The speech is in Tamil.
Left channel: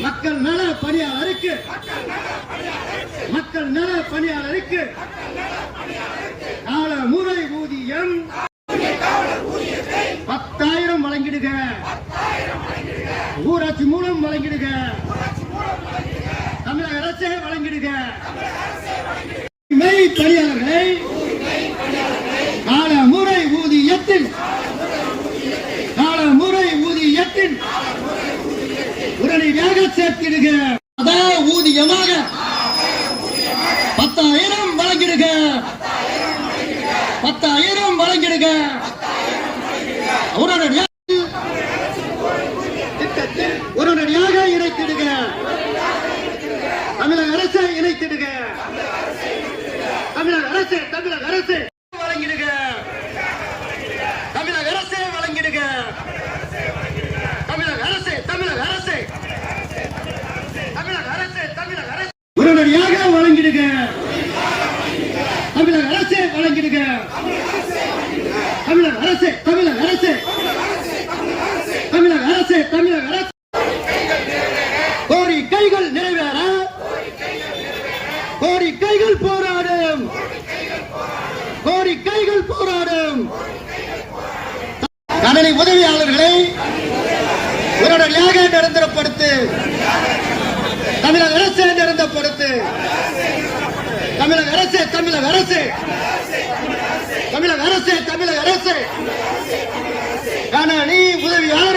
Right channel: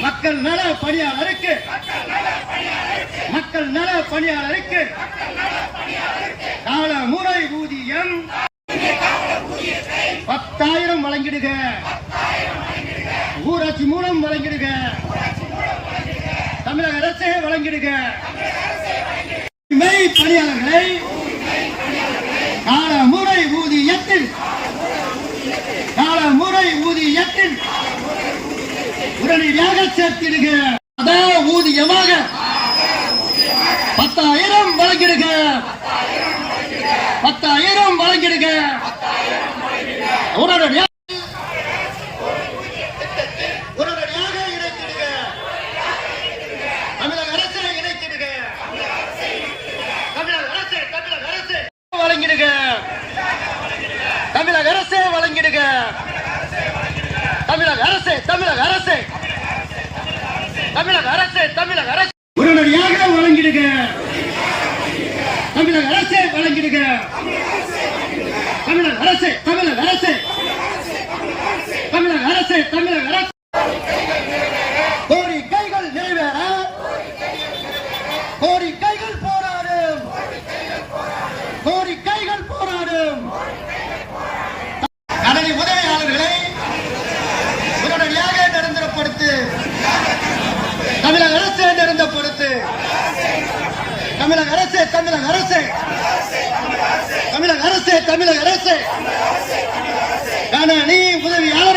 மக்கள் நல பணியாளருக்கு மக்கள் நல பணியாளருக்கு கால முறை ஊதியம் பத்தாயிரம் வழங்கிடுக. ஊராட்சி மூலம் வழங்கிடுக. தமிழக அரசே வழங்கிடுக. மெய் பணியாளர்களை கால முறை ஊதியத்தில் கால முறை ஊதியத்தில் உடனடியாக சேர்த்திடுக. அதா ஊதியமாக பத்தாயிரம் வழங்கிடுக. பத்தாயிரம் வழங்கிடுக. உடனடியாக திட்டத்தில் உடனடியாக இணைத்திடுக தமிழக அரசு இணைத்திடுக தமிழக அரசு தமிழக அரசு வழங்கிடுக. தமிழக அரசே வழங்கிடுக. தமிழக அரசு தமிழக அரசு. தமிழக அரசு தமிழக அரசு. உடனடியாக வழங்கிடுக. தமிழக அரசே வழங்கிடுக. தமிழக அரசு தமிழக அரசு. தமிழக அரசு தமிழக அரசு. உடனடியாக நிரந்தரப்படுத்து. தமிழக அரசு நிரந்தரப்படுத்து. தமிழக அரசு தமிழக அரசு. தமிழக அரசு தமிழக அரசு. கணனி உதவியா